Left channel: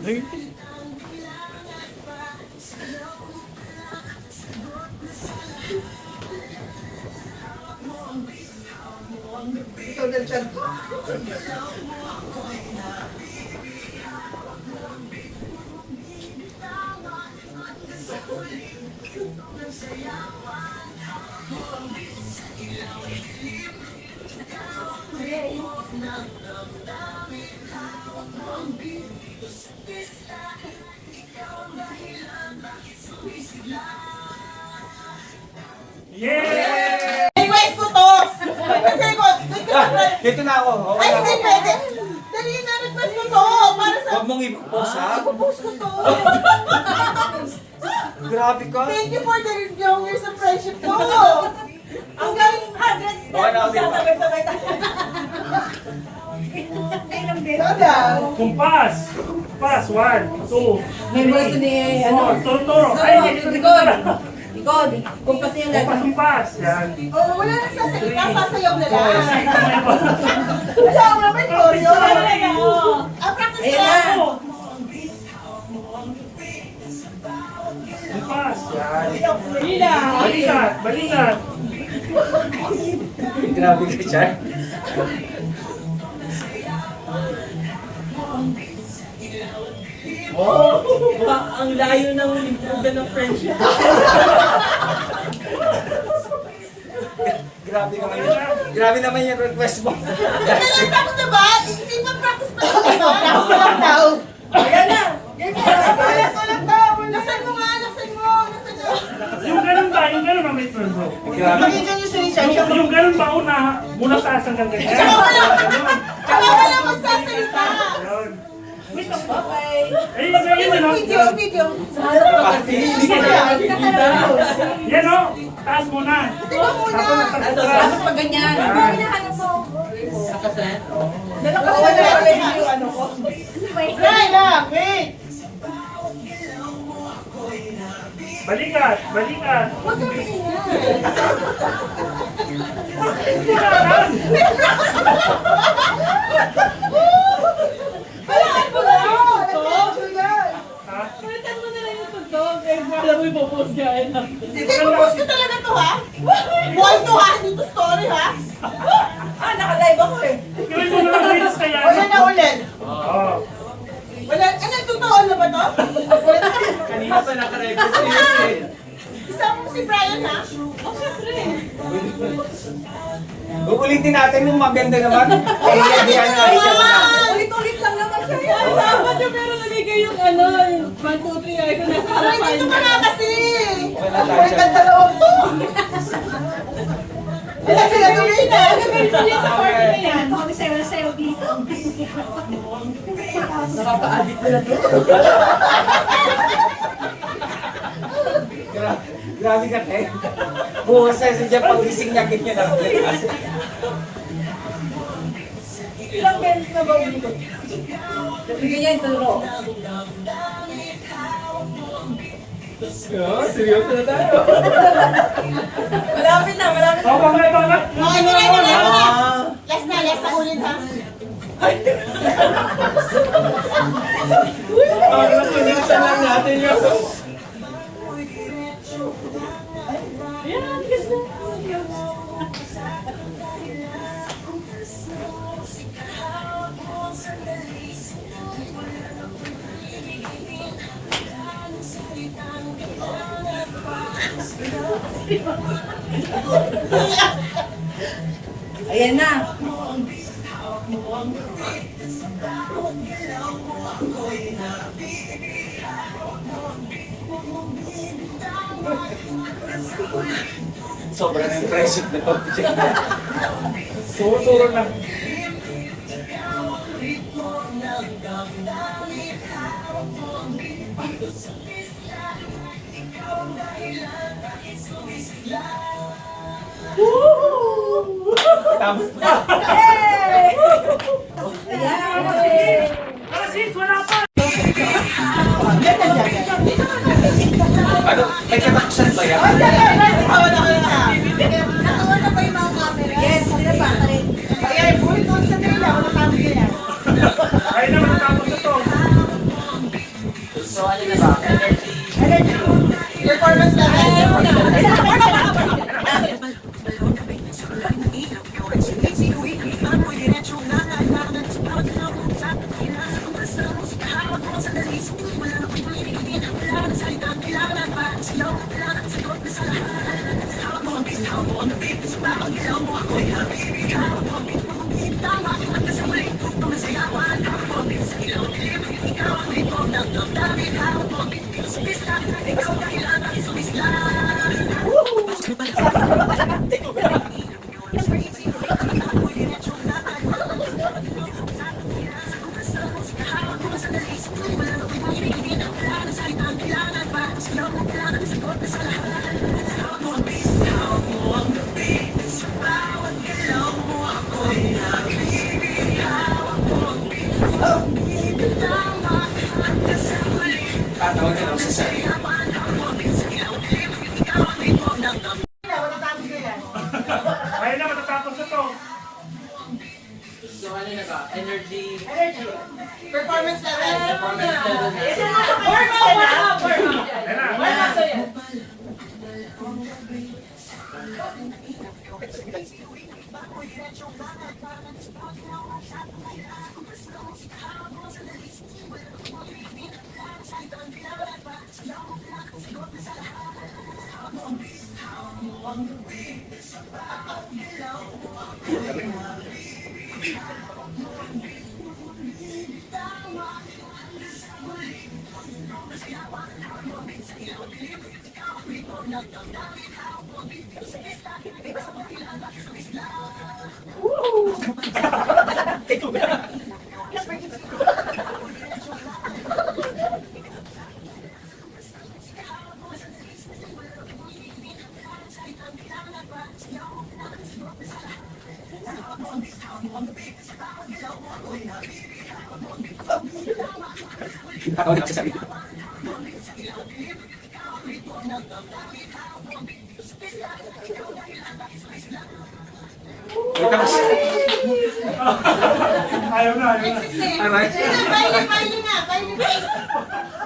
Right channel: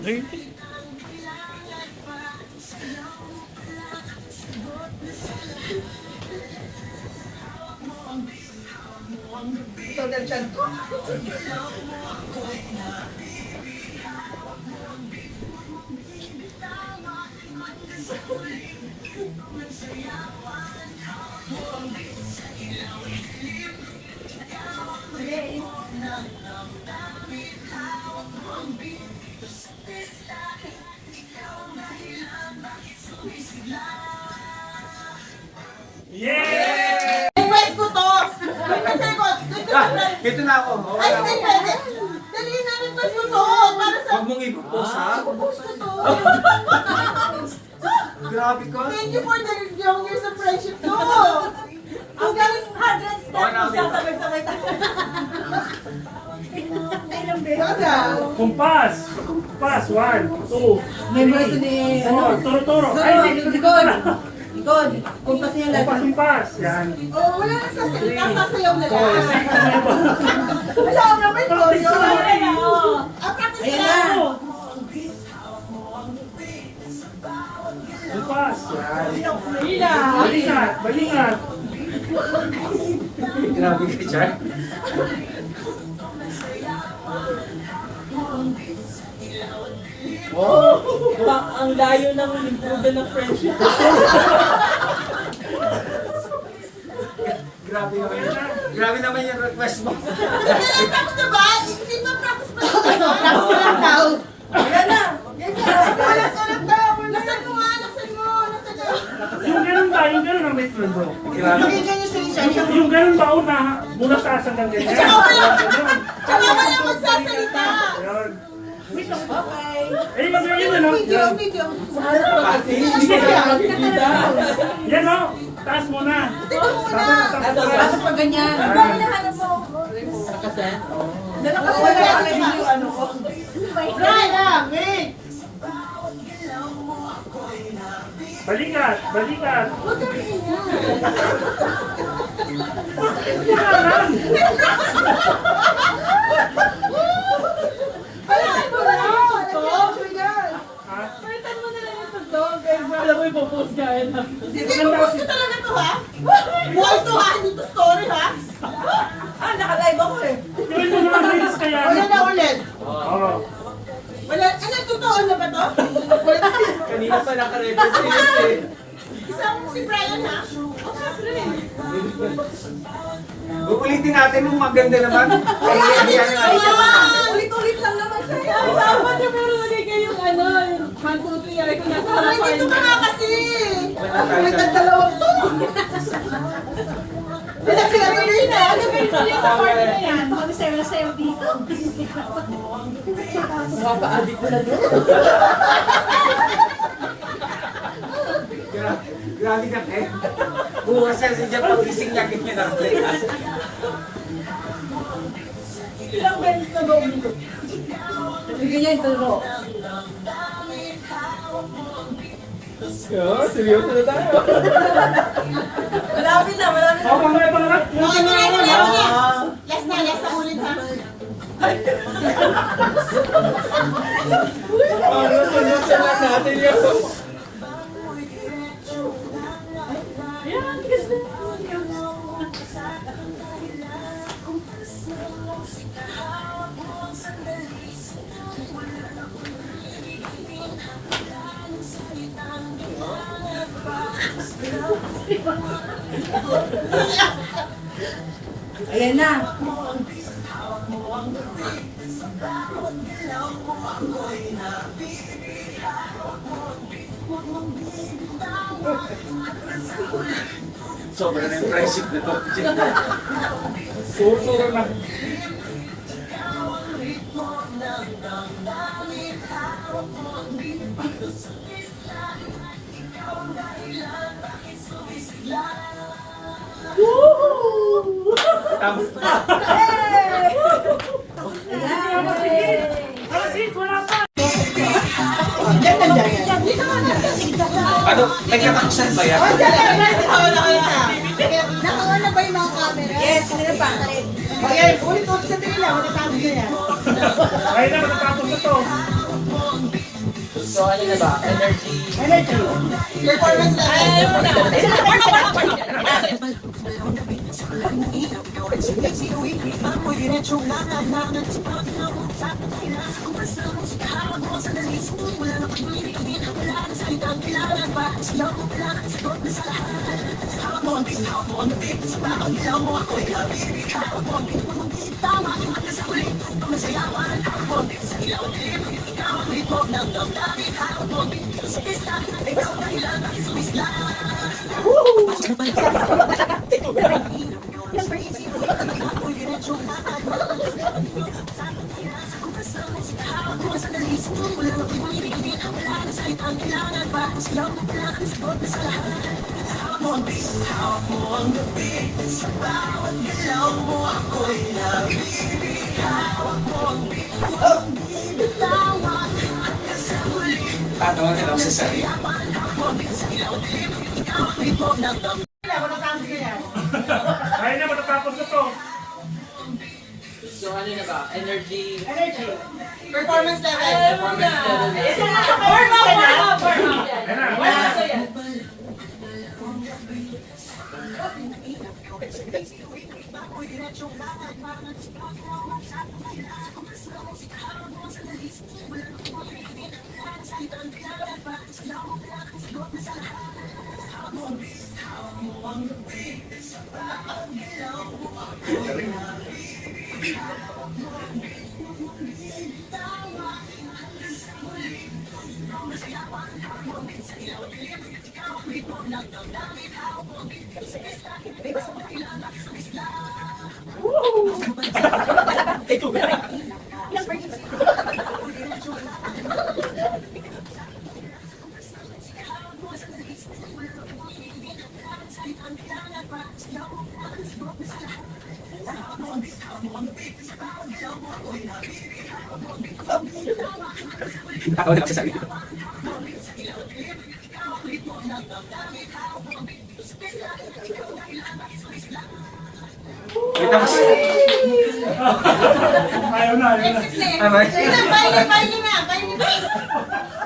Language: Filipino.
Okay. Ito na dyan ko. Yeah! Request ko to! Request ko! Dito na ako. Okay Ay, na hindi ako. pwede! Dali na, request ko to! Para sa... Huwag mong i-post ha. Post ko to! Grabe ka. Thank you for the young years of friendship ko! Ang galing hundreds na Okay na ako dito. sabay-sabay tayo. Sada! Kumpas! Kumpas! 1, 2, May voice ni, 4. Turo-turo. Ay, likod. Likod. Kumpas niya lang. Kumpas, kumpas. Yan. Oh, wala nang sasalita, sasayaw na lang. 4, 6, 7. Alam mo naman ko yun. Ah, practice Ayan lang. na. Kumpas. Yan. Balikat. Balikat. Grabe ka dyan. Ang layo ng improve ng friendship. Grabe naman yun. Grabe naman yung request mo. Tapos na ba? Hindi ba practice pa lang? Practice pa lang daw. Ayan na. Ulit daw. Nasaan mo nga? Nasaan mo? Nasaan mo? Yung ganun ba? Yung ganun na may friend bro. Pakinggan niyo si Richard. Yung ganun ba una mula taas hanggang ganyan? Tsaka wala. Ganun. Tsaka wala magsasalita. Ayun. Okay. Eh, yun ano? Video, video. Yan o. Taas muna. Tapos Tapos pag ganyan. Dala ko wala yung ano ko. Try lang. Wait. Balikat. Balikat. Huwag kang ingay. Yan. Wala mo na. Ha? Palitan mo na lang yung tugtog. Kaya alam mo ipopost ka yan. Hindi mo post ko talaga to ha? Buhay to ha? Hindi to story ha? Ah, naka-live ako eh. Gawin mo na lang reels kaya. Wala na ulit. Oo. Wala. Ano, totoo na ba to? Wala. Kanina pa nakarecord ko yun eh. Isama mo si Brian ha? Oh, syempre. Uulitin natin yung maganda naman. Kaya nga isa na. Ulit-ulit lang naman siya. Dapat yung pero huli kayong ano, yung 1, 2, 3, ay kung nasa Aray, harapan. dito ka na kasi. Wala Wait, tayo. ang dalawang to. Wala sila tuloy na. Sa party na yan. Kami sayo dito. Nakaka-addict ko na doon. Grabe ka te. Bukas na si Jeff pag-gising niya ganyan na rin. Ilang beses na ba umikot? Ganyan, turo. Seryoso na tayo. Malapit na, malapit na. Oh, pangat. Oh, ito na, ito na, ito na. Last na ulit ha. Nasulusan lang natin yun. Ayan, kiss na. Ayan na. Sobra na yung friendship na to. Turo na. Tapos na. Ah, sis, wala pa. Ano? May katakusan ba yan? Nakawa na ba yung mga camera? Yes, kanina pa. Ayan, ulit-ulit ka Ay na, matatapos na to. So, ano na ba? Energy. Performance level. Paano natin ang sasabi? Ay na, matatapos na to. So, ano na ba? Energy. Performance level. Ay na. Ako na ang sasabi. Ayaw na, ayaw na. Aray. Ayun na, baile na.